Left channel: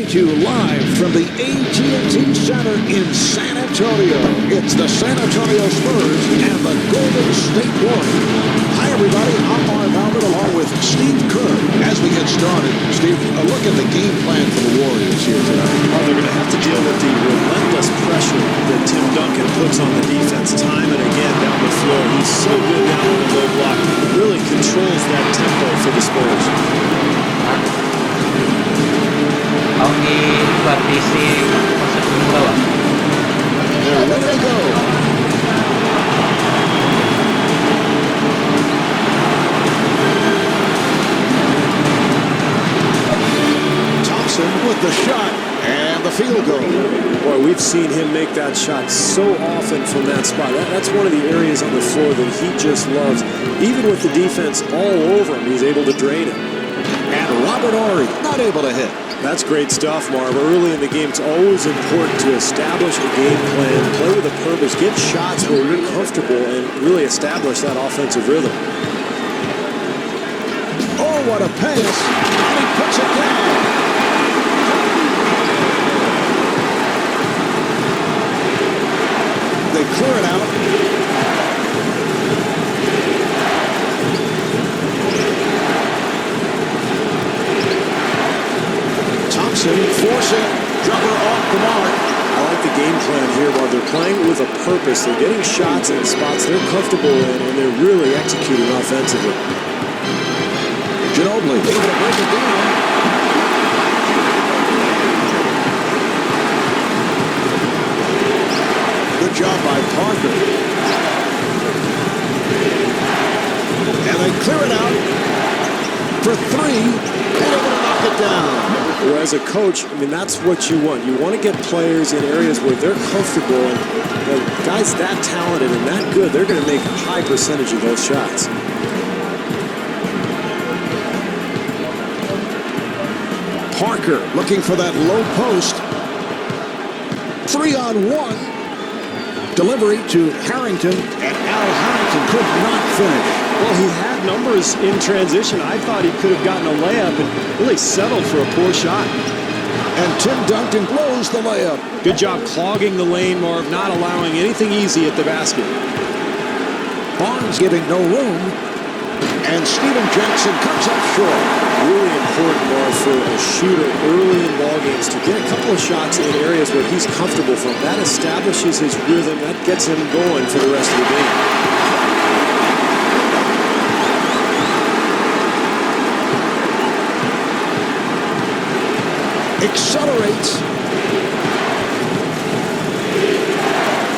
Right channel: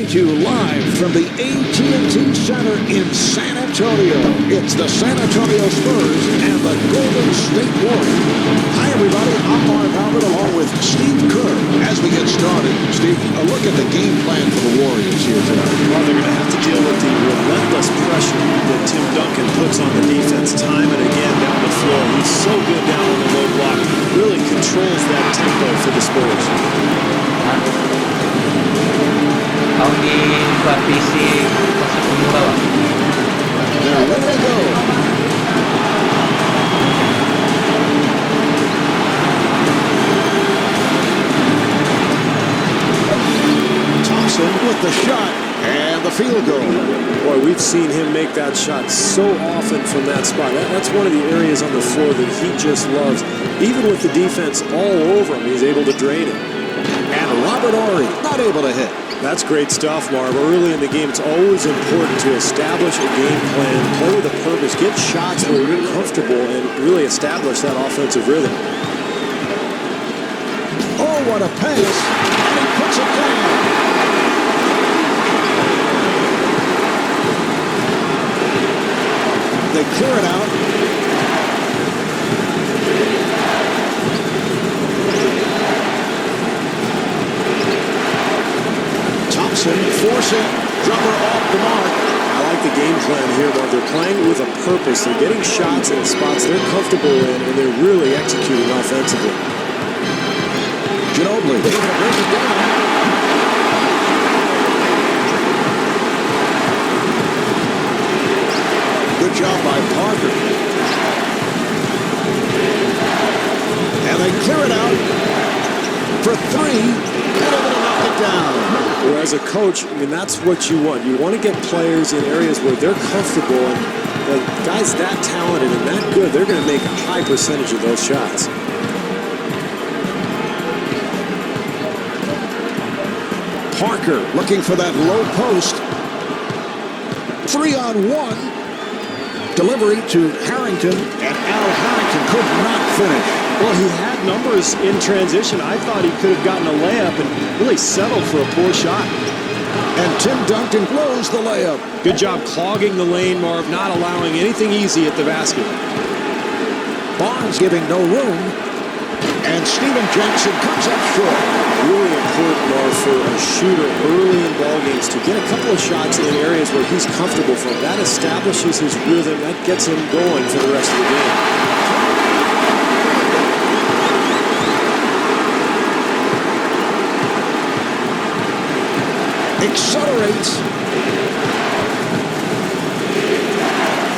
Coming to you live from the AT&T Center in San Antonio. It's the San Antonio Spurs and the Golden State Warriors. Hi, everybody. I'm Marv Albert along with Steve Kerr. As we get started, Steve, a look at the game plan for the Warriors here tonight. Well, they're going to have to deal with the relentless pressure that Tim Duncan puts on the defense time and again down the floor. He's so good down on the low block. Really controls that tempo for the Spurs. Ako ni-partisi pasok ng muraw. They're ready to go. Thompson with the shot and the field goal. Boy, we've seen him make that shot so often from that spot. That's one of the areas on the floor that he just loves. Even with the defense all over him, he's able to drain it. And Robert Horry not able to hit. That's great stuff, Marv. Early in the game, it's always important to establish a game plan, play with a purpose, get shots where you're comfortable, and really establish that offensive rhythm. Oh, what a pass, and he puts it down. They clear it out. Thompson forcing, jumper off the mark. I like the game plan here, Marv. They're playing with a purpose. They're getting shots in spots they're comfortable in, and they're really executing offensively. Ginobili able to break it down. Good job by Parker. And they clear it out for three, and able to knock it down. Well, as a coach, I mean, that's what you want. You want to get players in areas where they're comfortable, and the guys that talented and that good, they're going to make a high percentage of those shots. Parker looking for that low post. 3-on-1. Delivery to Harrington, and Al Harrington could not finish. Well, he had numbers in transition. I thought he could have gotten a layup and really settled for a poor shot. And Tim Duncan blows the layup. Good job clogging the lane, Marv, not allowing anything easy at the basket. Barnes giving no room, and Steven Jackson comes up short. Really important, Marv, for a shooter early in ball games to get a couple of shots in areas where he's comfortable from. That establishes his rhythm. That gets him going for the rest of the game. Accelerates.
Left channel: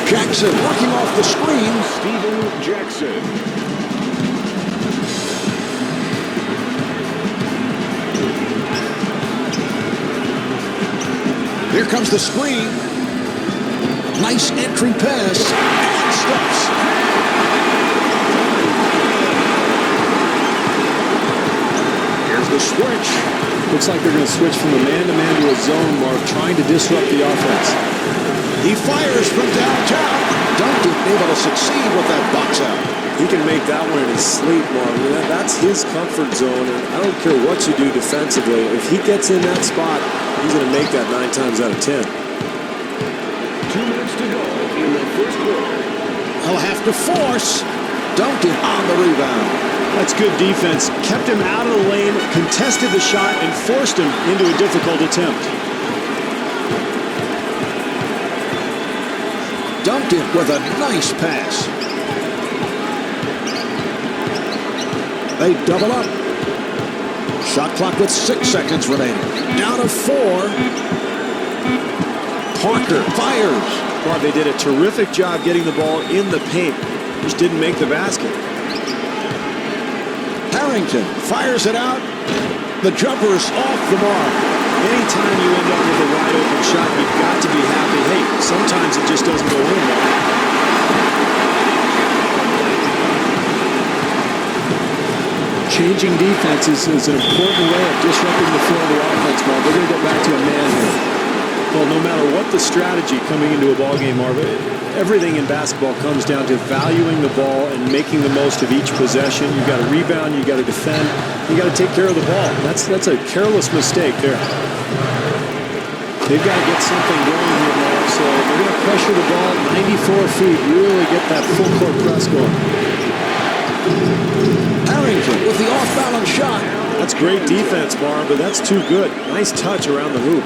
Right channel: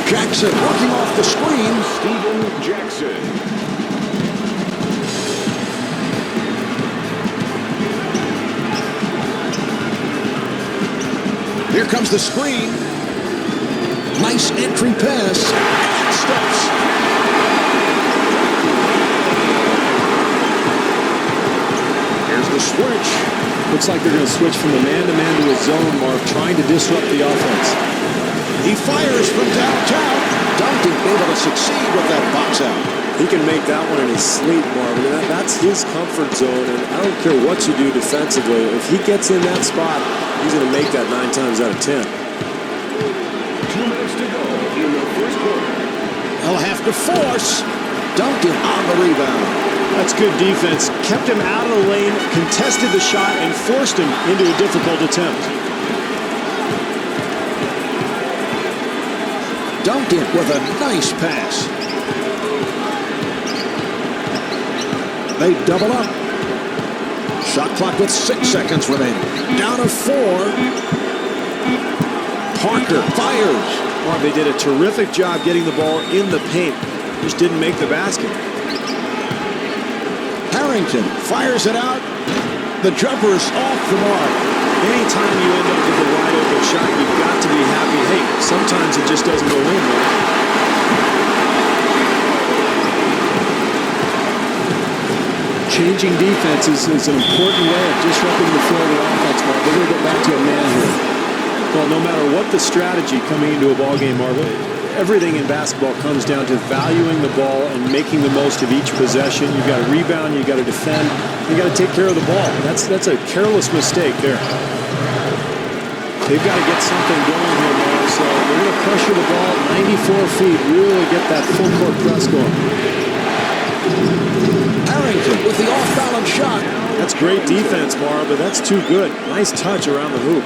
Jackson working off the screen. Steven Jackson. Here comes the screen. Nice entry pass and stuffs. Here's the switch. Looks like they're going to switch from a man-to-man to a zone, Marv, trying to disrupt the offense. He fires from downtown. Duncan able to succeed with that box out. He can make that one in his sleep, Marv. That's his comfort zone, and I don't care what you do defensively. If he gets in that spot, he's going to make that 9 times out of 10. 2 minutes to go in the first quarter. He'll have to force. Duncan on the rebound. That's good defense. Kept him out of the lane, contested the shot, and forced him into a difficult attempt. Duncan with a nice pass. They double up. Shot clock with 6 seconds remaining. Down to 4. Parker fires. Marv, they did a terrific job getting the ball in the paint. Just didn't make the basket. Harrington fires it out. The jumper's off the mark. Anytime you end up with a wide open shot, you've got to be happy. Hey, sometimes it just doesn't go in, though. Changing defenses is an important way of disrupting the flow of the offense, Marv. We're going to go back to a man here. Well, no matter what the strategy coming into a ball game, Marv, everything in basketball comes down to valuing the ball and making the most of each possession. You've got to rebound, you've got to defend, you got to take care of the ball. That's a careless mistake there. They've got to get something going here, Marv. So they're going to pressure the ball 94 feet, really get that full court press going. Harrington with the off-balance shot. That's great defense, Marv, but that's too good. Nice touch around the hoop.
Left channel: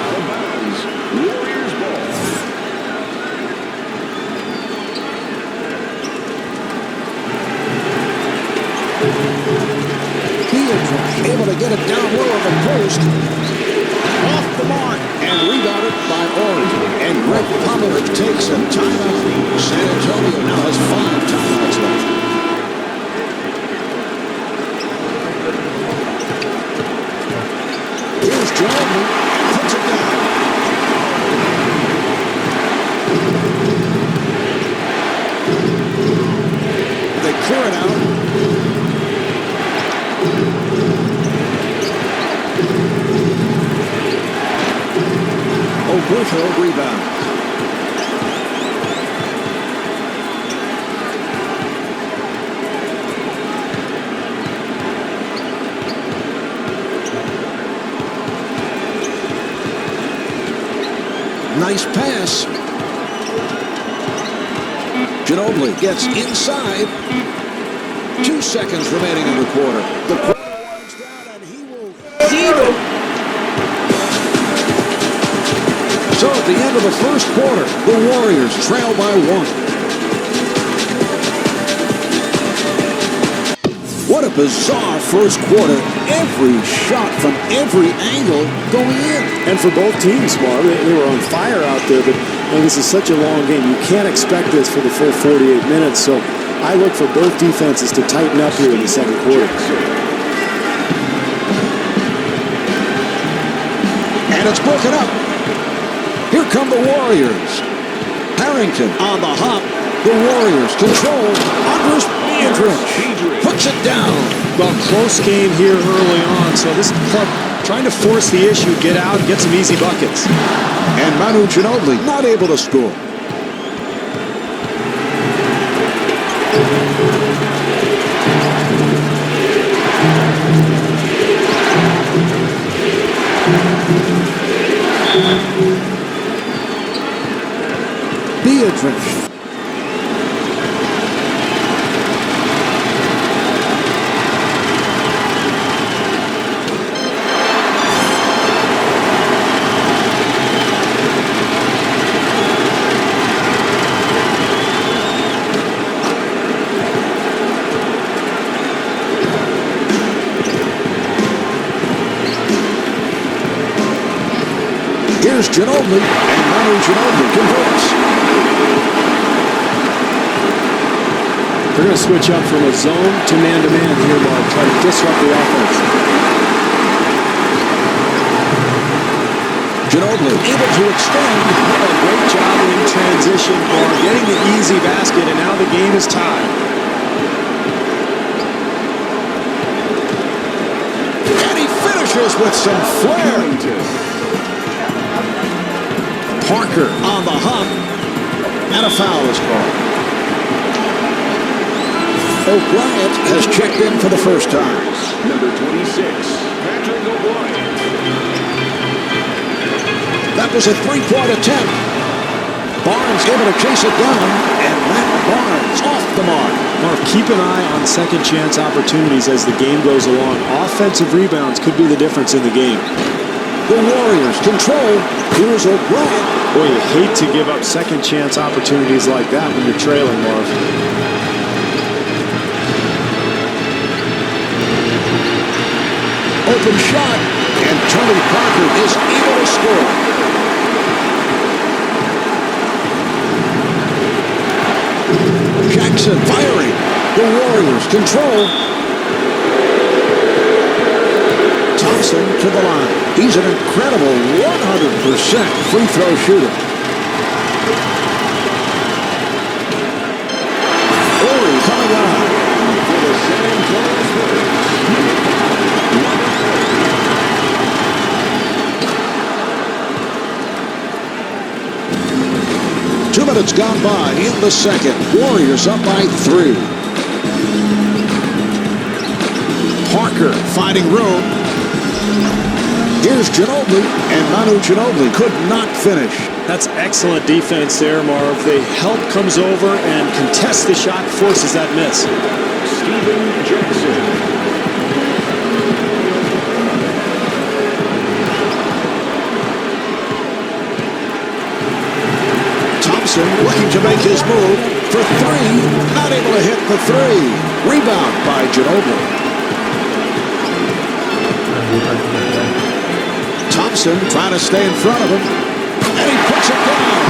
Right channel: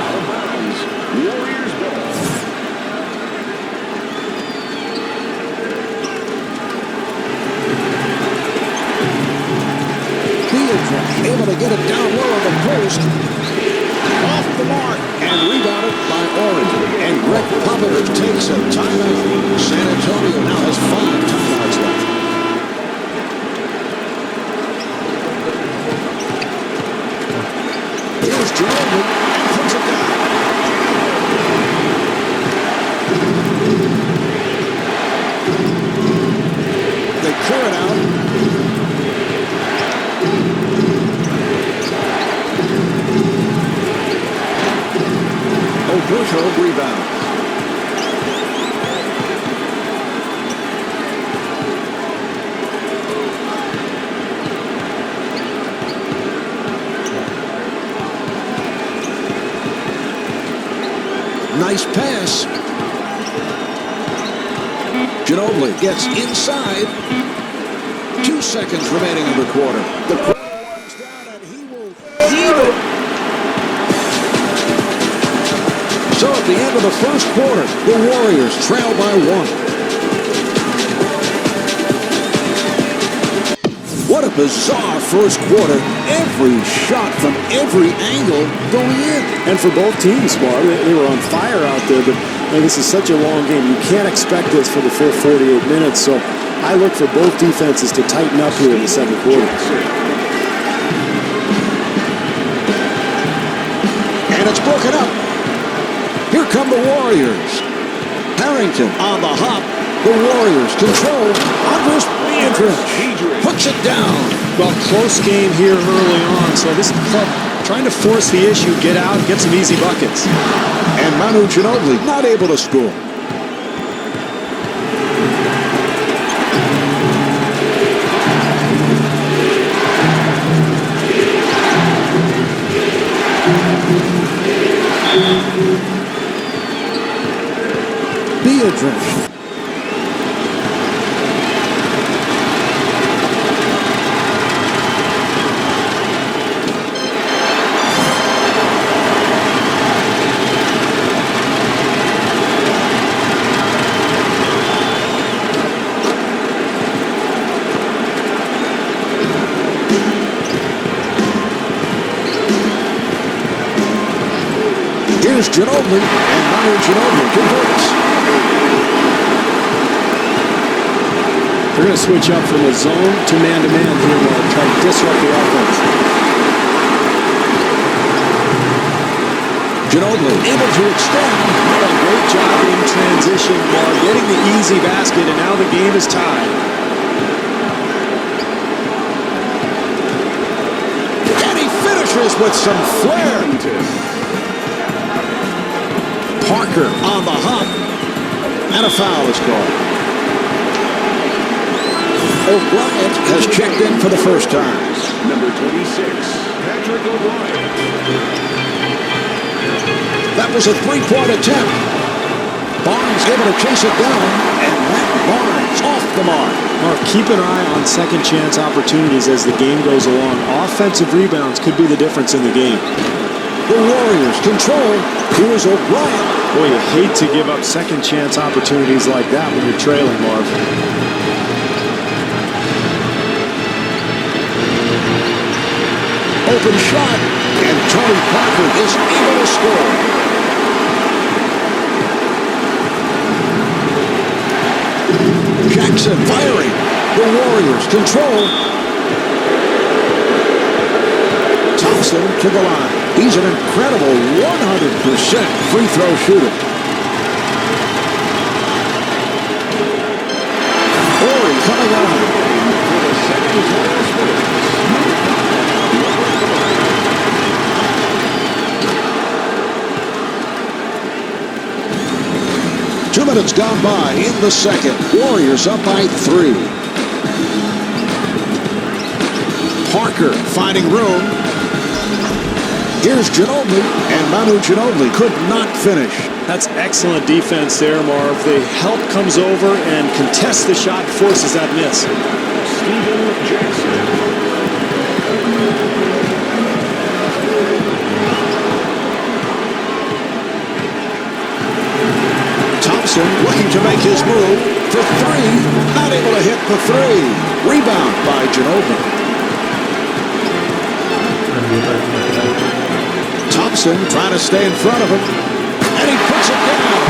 Out of bounds. Warriors ball. Able to get it down low on the post. Off the mark and rebounded by Oregon. And Greg Popovich takes a timeout. San Antonio now has 5 timeouts left. Here's Ginobili and puts it down. They clear it out. Oberto rebounds. Nice pass. Ginobili gets inside. 2 seconds remaining in the quarter. The quarter winds down and he will heave it. So at the end of the first quarter, the Warriors trail by 1. What a bizarre first quarter. Every shot from every angle going in. And for both teams, Marv, they were on fire out there, but this is such a long game. You can't expect this for the full 48 minutes, so I look for both defenses to tighten up here in the second quarter. And it's broken up. Here come the Warriors. Harrington on the hop. The Warriors control. Andres Biedrich puts it down. Well, close game here early on, so this club trying to force the issue, get out, get some easy buckets. And Manu Ginobili not able to score. Biedrich. Here's Ginobili, and Manu Ginobili converts. They're going to switch up from a zone to man-to-man here, Mark, try to disrupt the offense. Ginobili able to extend. A great job in transition, Mark, getting the easy basket, and now the game is tied. And he finishes with some flair. Parker on the hop, and a foul is called. O'Brien has checked in for the first time. Number 26, Patrick O'Brien. That was a three-point attempt. Barnes able to chase it down, and Matt Barnes off the mark. Mark, keep an eye on second chance opportunities as the game goes along. Offensive rebounds could be the difference in the game. The Warriors control. Here's O'Brien. Boy, you hate to give up second chance opportunities like that when you're trailing, Marv. Open shot, and Tony Parker is able to score. Jackson firing. The Warriors control. Thompson to the line. He's an incredible 100% free throw shooter. Horry coming on. For the San Antonio Spurs, number 5, Robert Horry. 2 minutes gone by in the second. Warriors up by 3. Parker finding room. Here's Ginobili, and Manu Ginobili could not finish. That's excellent defense there, Marv. The help comes over and contests the shot, forces that miss. Steven Jackson. Thompson looking to make his move for 3. Not able to hit the 3. Rebound by Ginobili. Thompson trying to stay in front of him, and he puts it down.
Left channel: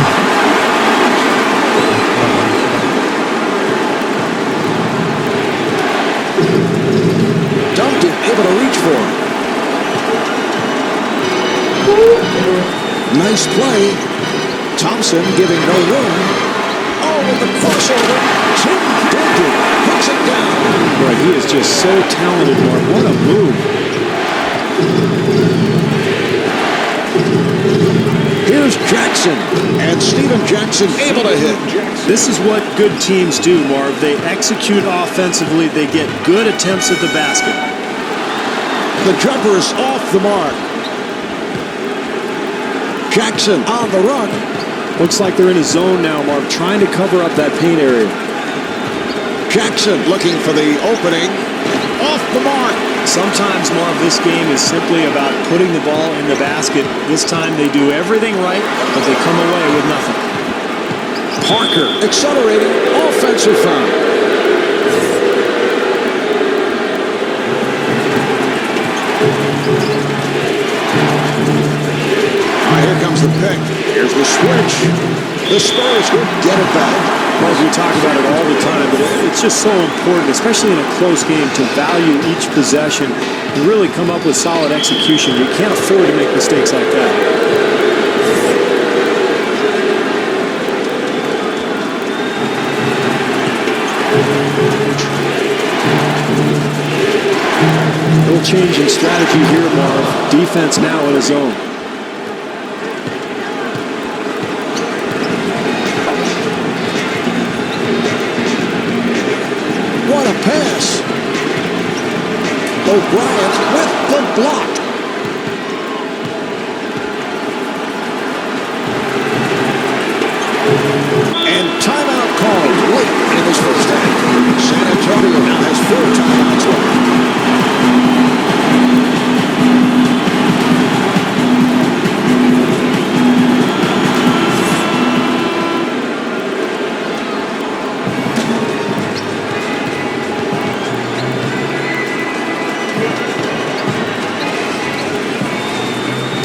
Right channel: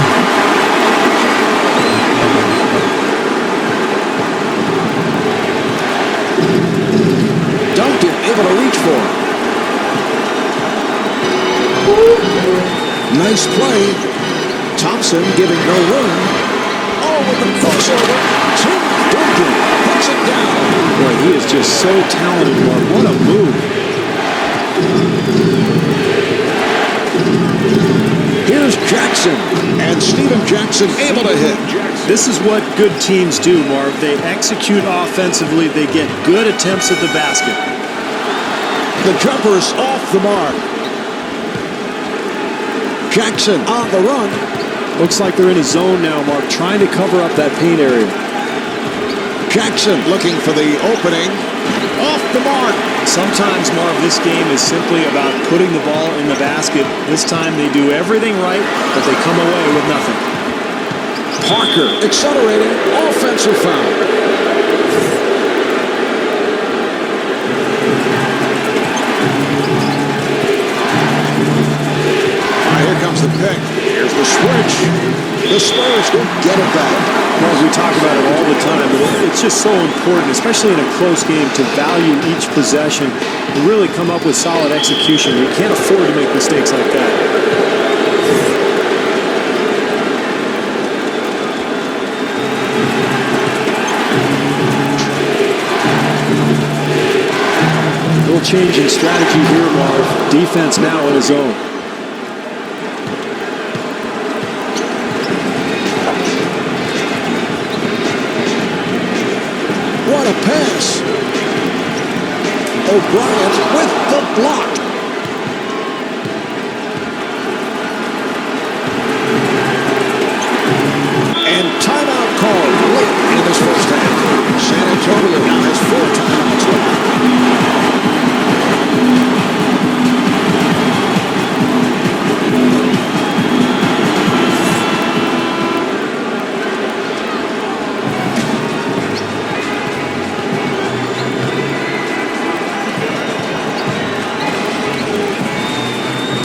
Duncan able to reach for it. Nice play. Thompson giving no room. Oh, with the crossover, Tim Duncan puts it down. Boy, he is just so talented, Marv. What a move. Here's Jackson, and Steven Jackson able to hit. This is what good teams do, Marv. They execute offensively. They get good attempts at the basket. The jumper is off the mark. Jackson on the run. Looks like they're in a zone now, Marv, trying to cover up that paint area. Jackson looking for the opening. Off the mark. Sometimes, Marv, this game is simply about putting the ball in the basket. This time they do everything right, but they come away with nothing. Parker accelerating, offensive foul. Here comes the pick. Here's the switch. The Spurs will get it back. Marv, we talk about it all the time, but it's just so important, especially in a close game, to value each possession and really come up with solid execution. You can't afford to make mistakes like that. Little change in strategy here, Marv. Defense now in a zone. What a pass. O'Brien with the block. And timeout called late in this first half. San Antonio now has 4 timeouts left.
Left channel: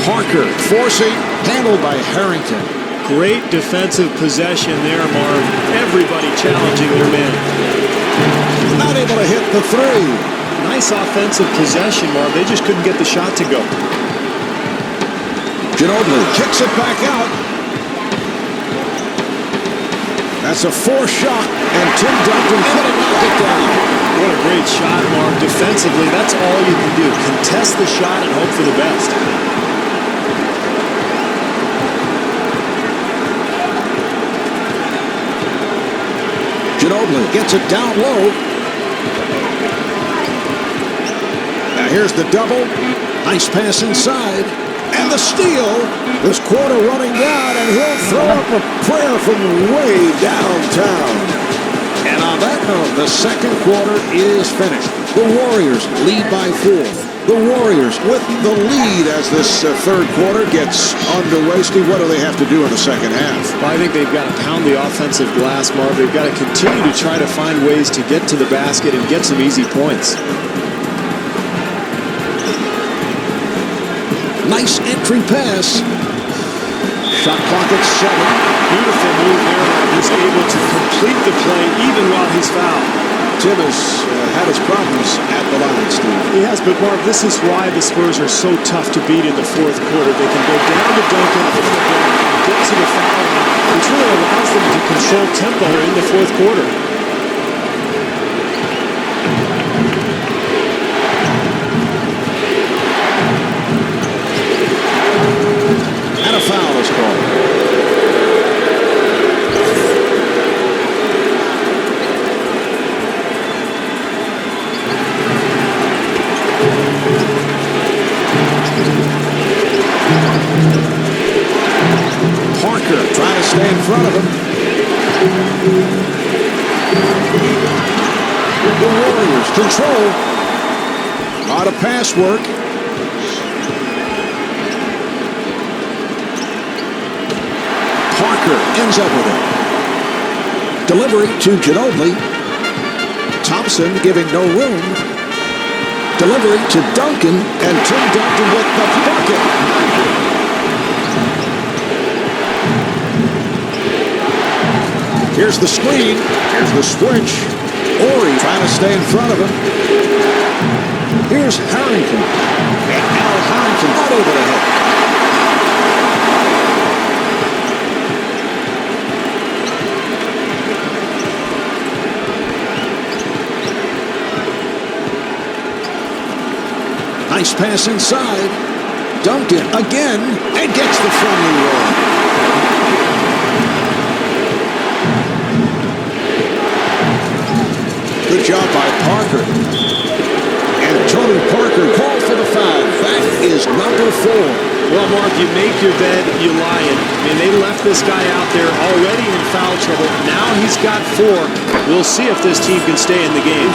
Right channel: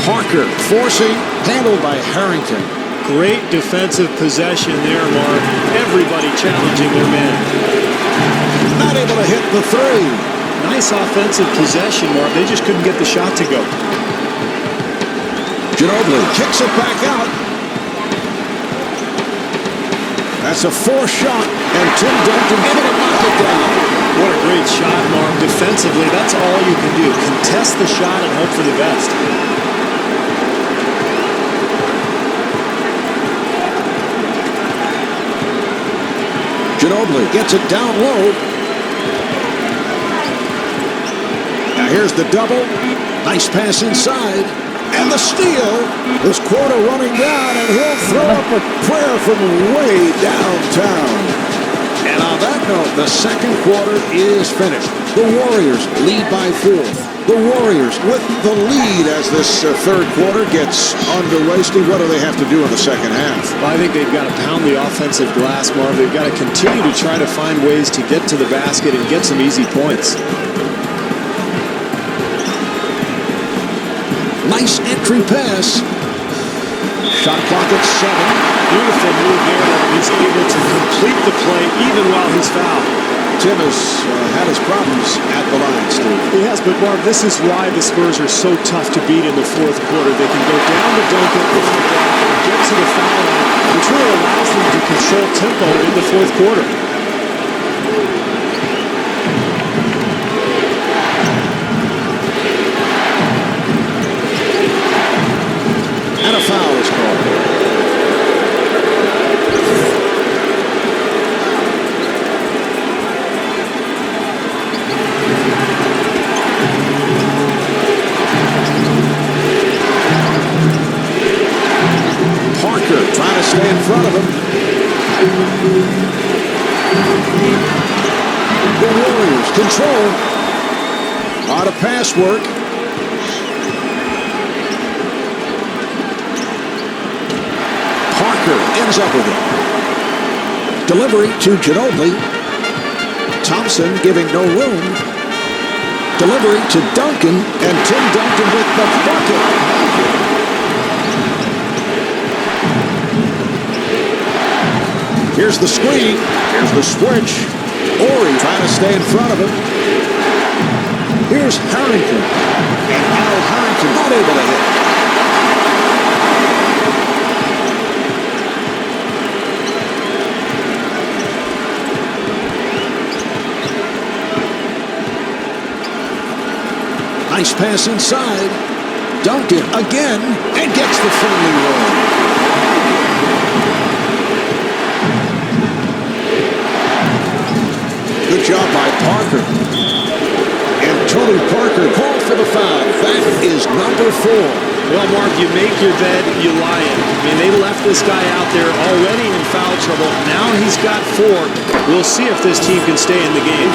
Parker forcing, handled by Harrington. Great defensive possession there, Marv. Everybody challenging their man. Not able to hit the 3. Nice offensive possession, Marv. They just couldn't get the shot to go. Ginobili kicks it back out. That's a 4 shot, and Tim Duncan couldn't knock it down. What a great shot, Marv. Defensively, that's all you can do. Contest the shot and hope for the best. Ginobili gets it down low. Now here's the double. Nice pass inside. And the steal. This quarter running down, and he'll throw up a prayer from way downtown. And on that note, the second quarter is finished. The Warriors lead by 4. The Warriors with the lead as this third quarter gets underway. Steve, what do they have to do in the second half? Well, I think they've got to pound the offensive glass, Marv. They've got to continue to try to find ways to get to the basket and get some easy points. Nice entry pass. Shot clock at 7. Beautiful move there, Marv. He's able to complete the play even while he's fouled. Tim has had his problems at the line, Steve. He has, but Marv, this is why the Spurs are so tough to beat in the fourth quarter. They can go down to Duncan on the block and get to the foul line, which really allows them to control tempo in the fourth quarter. And a foul is called. trying to stay in front of him. The Warriors control. A lot of pass work. Parker ends up with it. Delivery to Ginobili. Thompson giving no room. Delivery to Duncan, and Tim Duncan with the bucket. Here's the screen. Here's the switch. Ori trying to stay in front of him. Here's Harrington. And Al Harrington not able to hit. Nice pass inside. Duncan again, and gets the friendly roll. Good job by Parker. And Tony Parker called for the foul. That is number 4. Well, Marv, you make your bed, you lie in it. I mean, they left this guy out there already in foul trouble. Now he's got 4. We'll see if this team can stay in the game.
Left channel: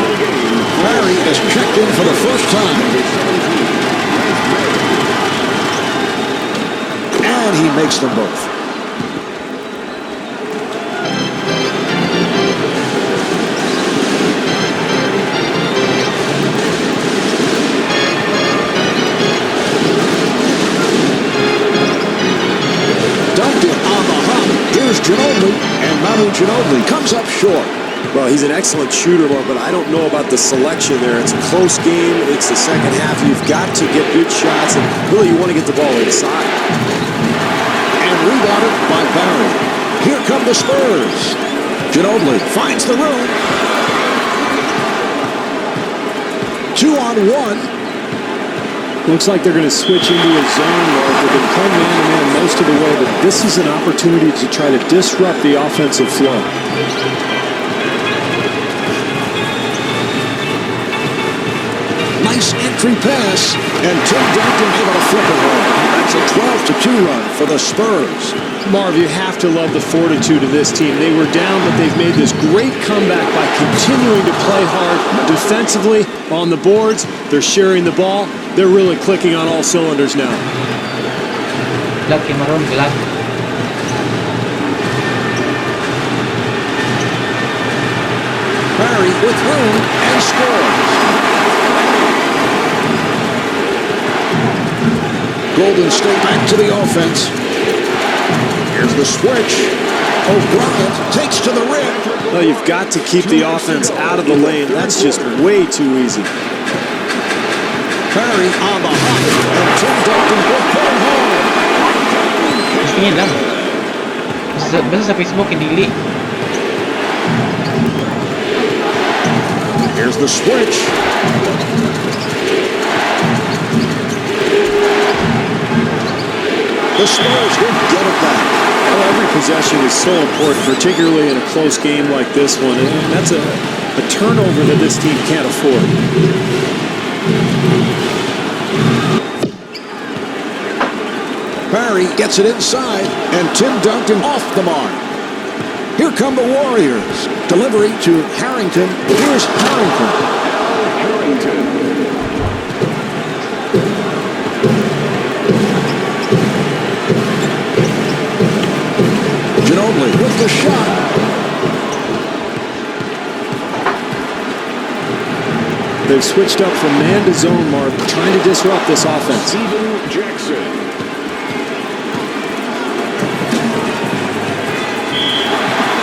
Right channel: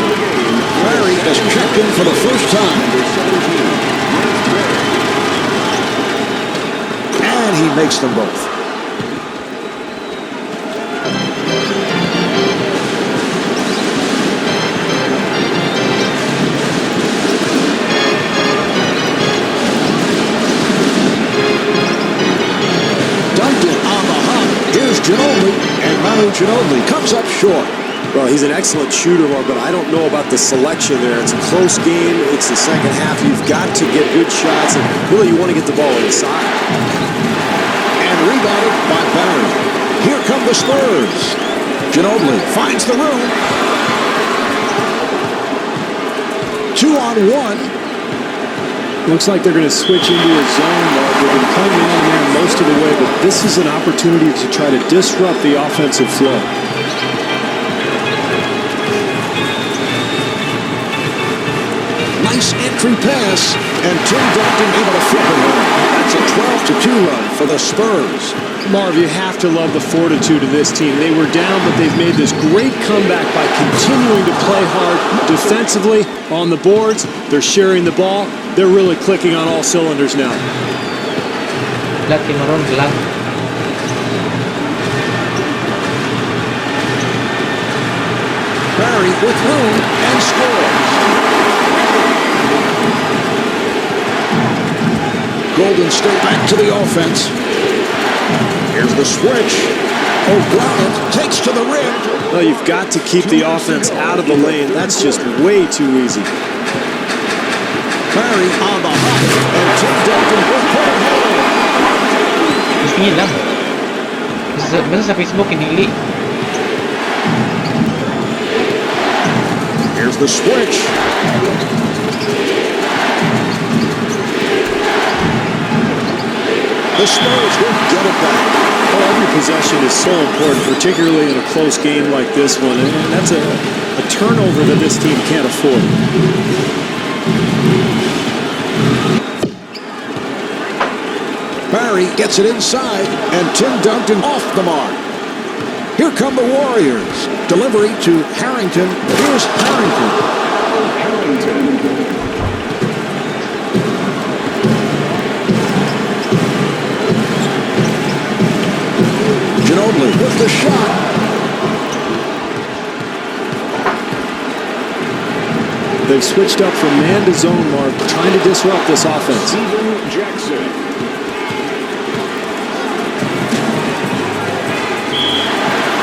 Barry has checked in for the first time. Number 17, Grant Barry. And he makes them both. Duncan on the hop. Here's Ginobili, and Manu Ginobili comes up short. Well, he's an excellent shooter, Marv, but I don't know about the selection there. It's a close game. It's the second half. You've got to get good shots, and really you want to get the ball inside. And rebounded by Barry. Here come the Spurs. Ginobili finds the room. 2-on-1. Looks like they're going to switch into a zone, Marv. They've been playing man-to-man most of the way, but this is an opportunity to try to disrupt the offensive flow. Nice entry pass, and Tim Duncan able to flip it home. That's a 12-2 run for the Spurs. Marv, you have to love the fortitude of this team. They were down, but they've made this great comeback by continuing to play hard defensively on the boards. They're sharing the ball. They're really clicking on all cylinders now. Lucky Maroon, black. Barry with room and scores. Golden State back to the offense. Here's the switch. O'Brien takes to the rim. Well, you've got to keep the offense out of the lane. That's just way too easy. Barry on the hop, and Tim Duncan will put it home. Tingin lang. Basta sa Facebook, hindi li. Here's the switch. The Spurs will get it back. Oh, every possession is so important, particularly in a close game like this one. And that's a turnover that this team can't afford. Barry gets it inside, and Tim Duncan off the mark. Here come the Warriors. Delivery to Harrington. Here's Harrington. Al Harrington. Ginobili with the shot. They've switched up from man to zone, Mark, trying to disrupt this offense. Steven Jackson.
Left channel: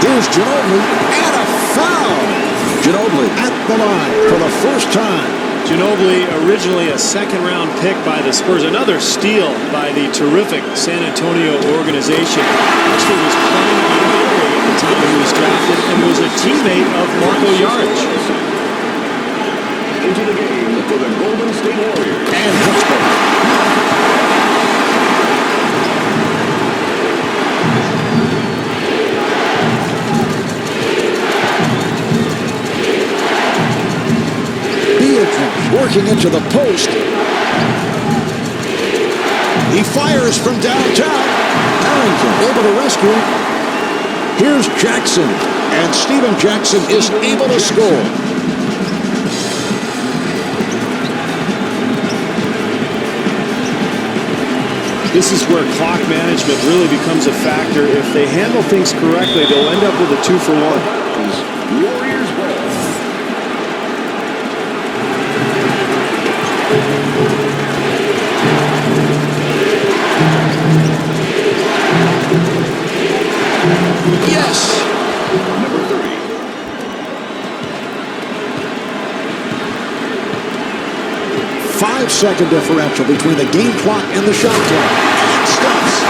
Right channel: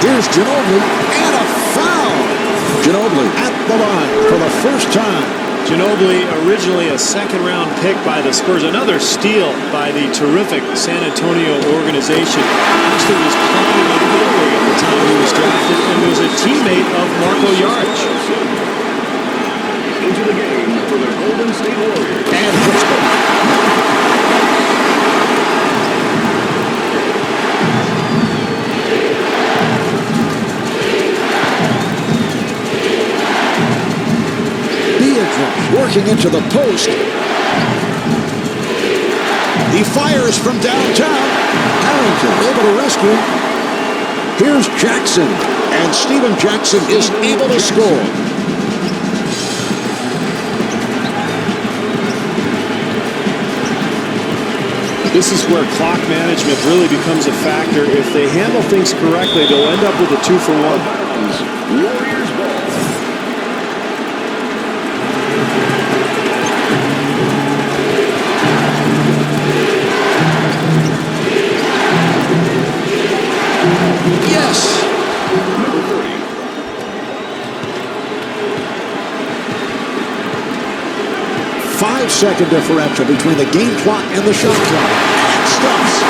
Here's Ginobili, and a foul. Ginobili at the line for the first time. Ginobili, originally a second-round pick by the Spurs. Another steal by the terrific San Antonio organization. Actually was playing in Italy at the time he was drafted and was a teammate of Marco Jaric. Into the game for the Golden State Warriors. And hits both. Working into the post. He fires from downtown. Harrington able to rescue. Here's Jackson, and Steven Jackson is able to score. This is where clock management really becomes a factor. If they handle things correctly, they'll end up with a 2-for-1. Warriors ball. Yes. Number 30. Five-second differential between the game clock and the shot clock. And stuffs.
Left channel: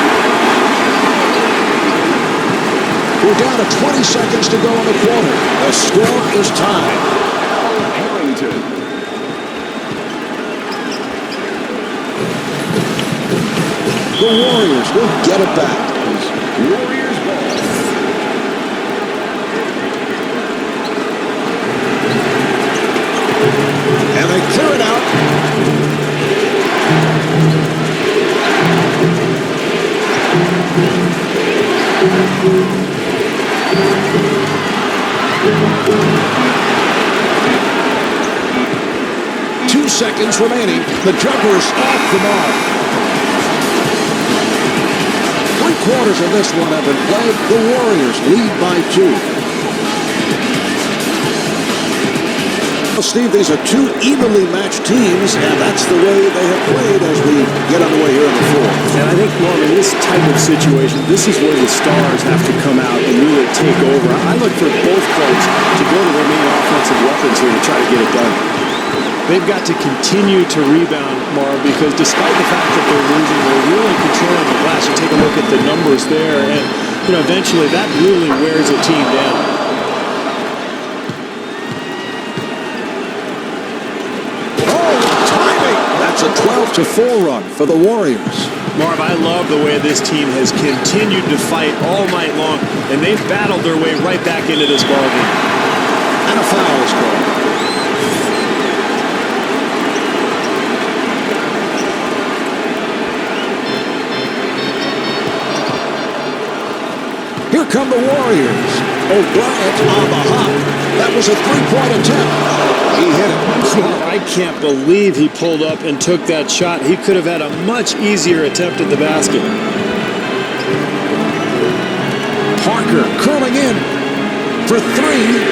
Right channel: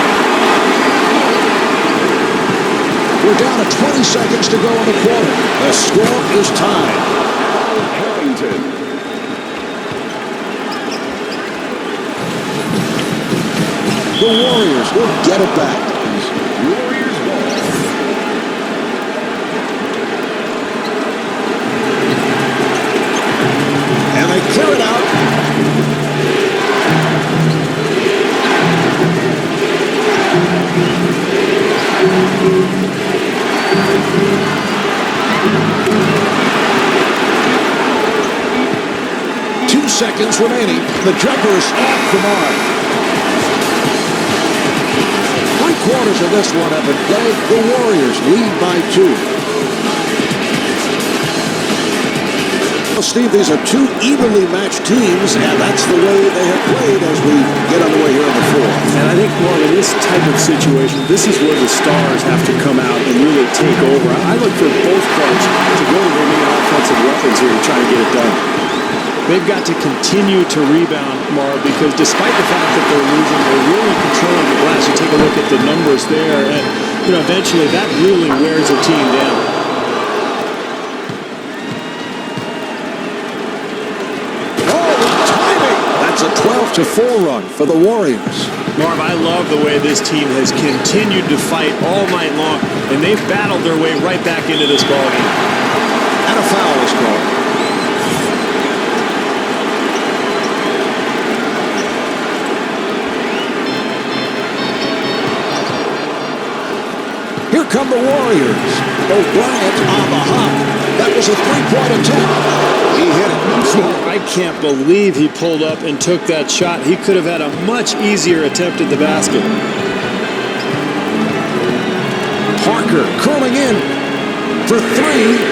We're down to 20 seconds to go in the quarter. The score is tied. Al Harrington. The Warriors will get it back. Warriors ball. And they clear it out. Two seconds remaining. The jumper's off the mark. 3/4 of this one have been played. The Warriors lead by 2. Well, Steve, these are two evenly matched teams, and that's the way they have played as we get underway here in the fourth. And I think, Marv, in this type of situation, this is where the stars have to come out and really take over. I look for both clubs to go to their main offensive weapons here to try to get it done. They've got to continue to rebound, Marv, because despite the fact that they're losing, they're really controlling the glass. You take a look at the numbers there, and eventually that really wears a team down. That's a 12-4 run for the Warriors. Marv, I love the way this team has continued to fight all night long, and they've battled their way right back into this ballgame. And a foul is called. Here come the Warriors. O'Brien on the hop. That was a three-point attempt. He hit it. I can't believe he pulled up and took that shot. He could have had a much easier attempt at the basket. Parker curling in for 3.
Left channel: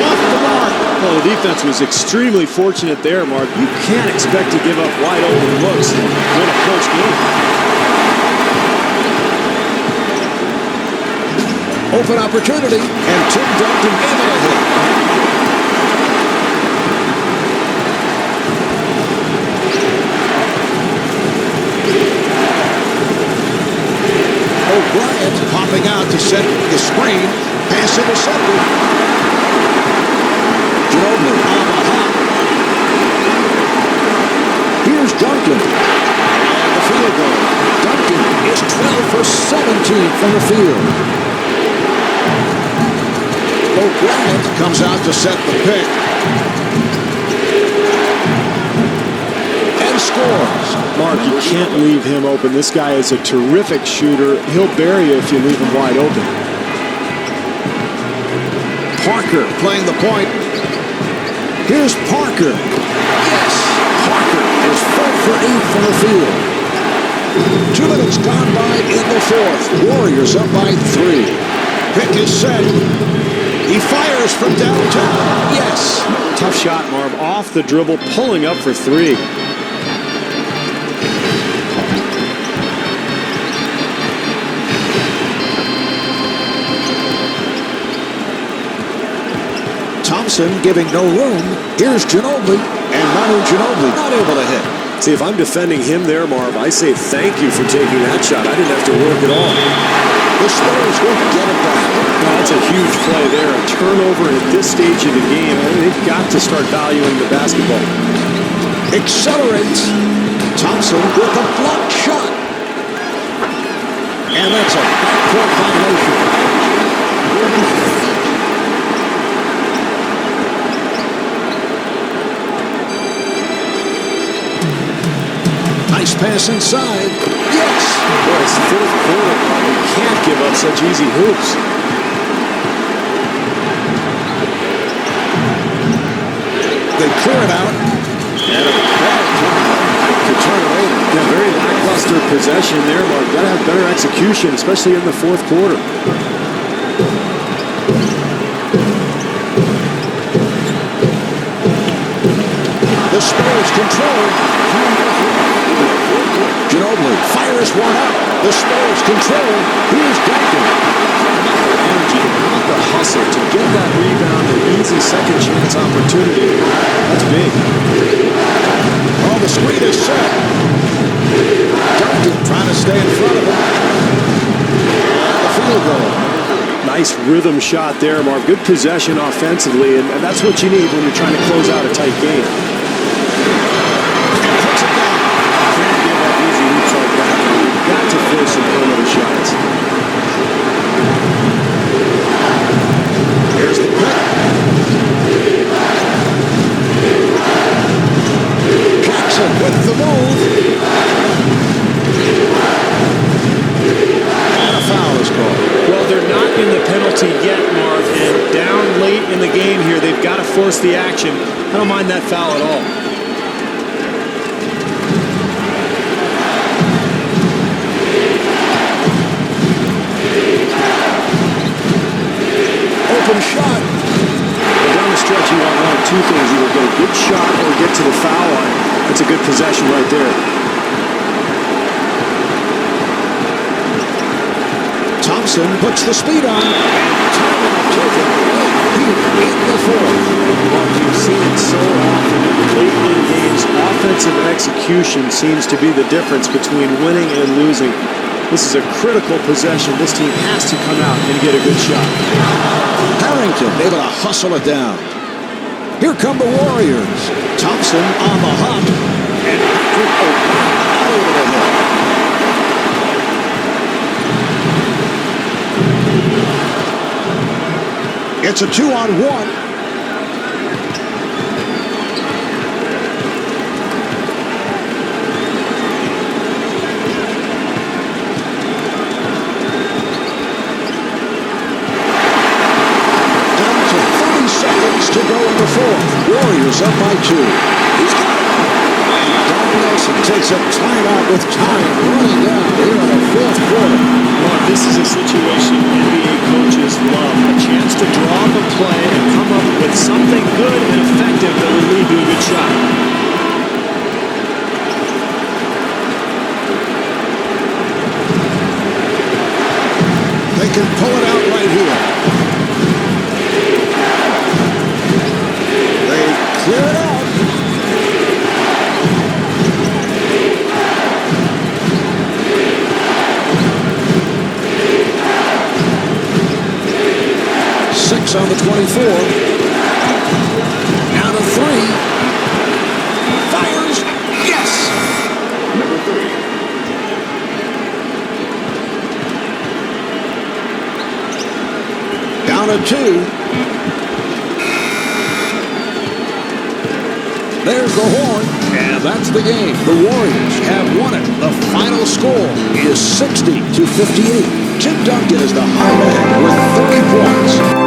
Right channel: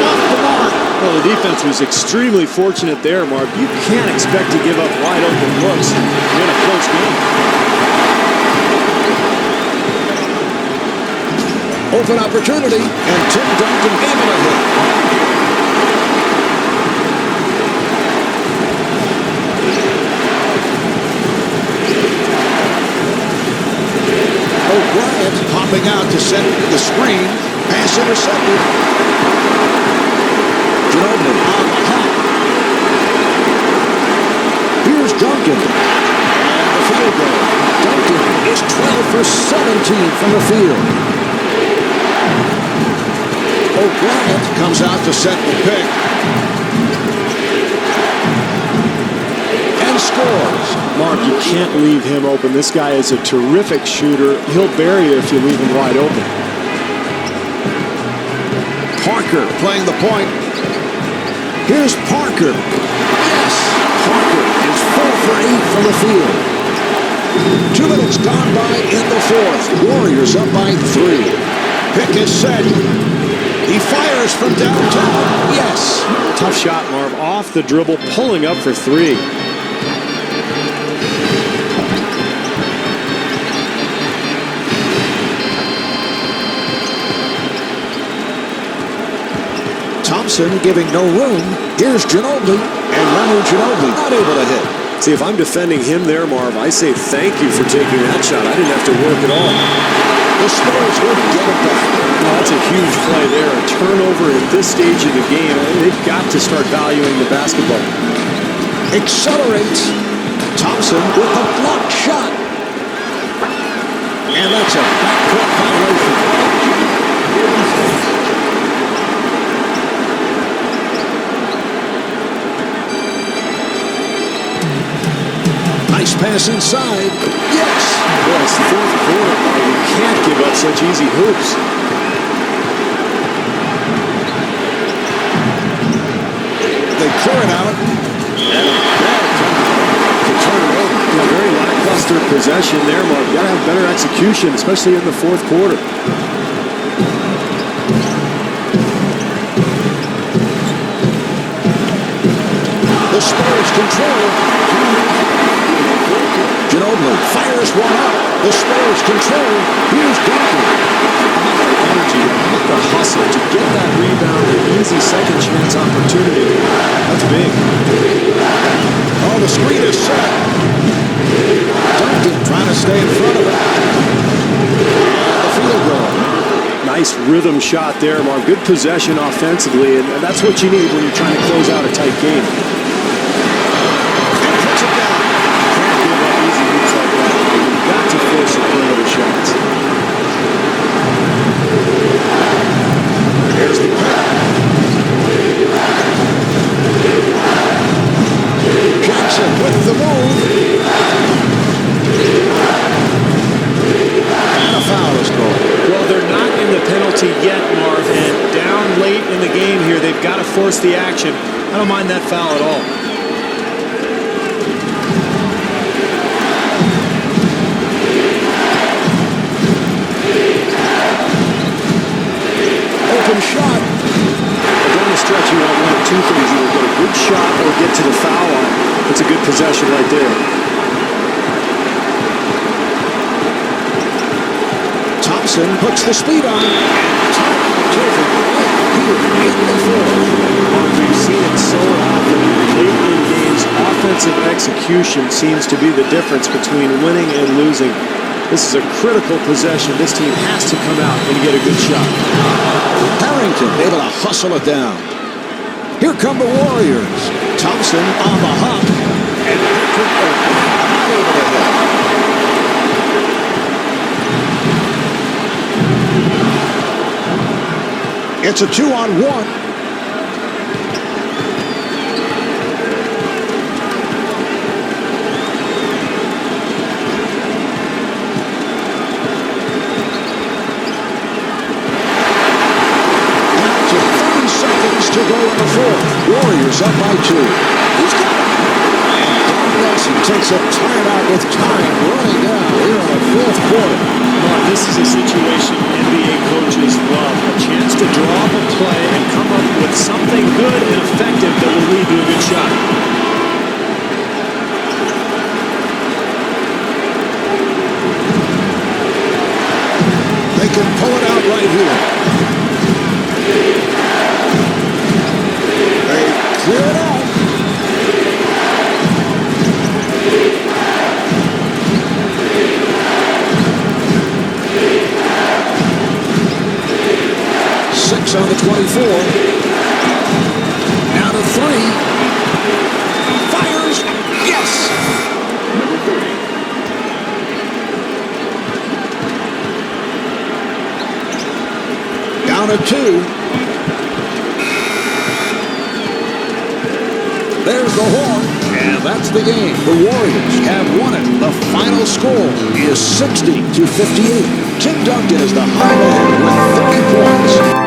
Off the mark. Well, the defense was extremely fortunate there, Marv. You can't expect to give up wide open looks and win a close game. Open opportunity, and Tim Duncan able to hit. O'Brien popping out to set the screen. Pass intercepted. Ginobili on the hop. Here's Duncan. And the field goal. Duncan is 12 for 17 from the field. O'Brien comes out to set the pick. And scores. Mark, you can't leave him open. This guy is a terrific shooter. He'll bury you if you leave him wide open. Parker playing the point. Here's Parker. Yes! Parker is 4 for 8 from the field. 2 minutes gone by in the fourth. Warriors up by 3. Pick is set. He fires from downtown. Yes! Tough shot, Marv. Off the dribble, pulling up for 3. Thompson giving no room. Here's Ginobili, and Manu Ginobili not able to hit. See, if I'm defending him there, Marv, I say thank you for taking that shot. I didn't have to work at all. The Spurs will get it back. No, that's a huge play there. A turnover at this stage of the game. They've got to start valuing the basketball. Accelerates. Thompson with a blocked shot. And that's a backcourt violation. Golden State. Nice pass inside. Yes. Boy, it's fourth quarter, Mark. You can't give up such easy hoops. They clear it out. And a bad time to turn it over. Yeah, very lackluster possession there, Mark. Got to have better execution, especially in the fourth quarter. The Spurs control. 2 minutes left in the fourth quarter. Ginobili fires one up. The Spurs control. Here's Duncan. How about the energy there? How about the hustle to get that rebound, the easy second chance opportunity? That's big. Oh, the screen is set. Duncan trying to stay in front of it. And the field goal. Nice rhythm shot there, Marv. Good possession offensively, and that's what you need when you're trying to close out a tight game. And puts it down. Can't give up easy hoops like that, Marv. You've got to force some perimeter shots. Here's the pick. Jackson with the move. And a foul is called. Well, they're not in the penalty yet, Marv, and down late in the game here, they've got to force the action. I don't mind that foul at all. Open shot. But down the stretch, you want one of two things. Either get a good shot or get to the foul line. That's a good possession right there. Thompson puts the speed on. And timeout taken late here in the fourth. Mark, we've seen it so often. Late in games, offensive execution seems to be the difference between winning and losing. This is a critical possession. This team has to come out and get a good shot. Harrington able to hustle it down. Here come the Warriors. Thompson on the hop. And Patrick O'Brien not able to hit. It's a 2-on-1. To 30 seconds to go in the fourth. Warriors up by 2. He's got it. And Don Nelson takes a timeout with time running down here in the fourth quarter. Mark, this is a situation NBA coaches love. A chance to draw up a play and come up with something good and effective that will lead to a good shot. They can pull it out right here. Clear it out. Six on the 24. Down to 3. Fires. Yes. Number 30. Down to 2. There's the horn, and that's the game. The Warriors have won it. The final score is 60-58. Tim Duncan is the high man with 30 points.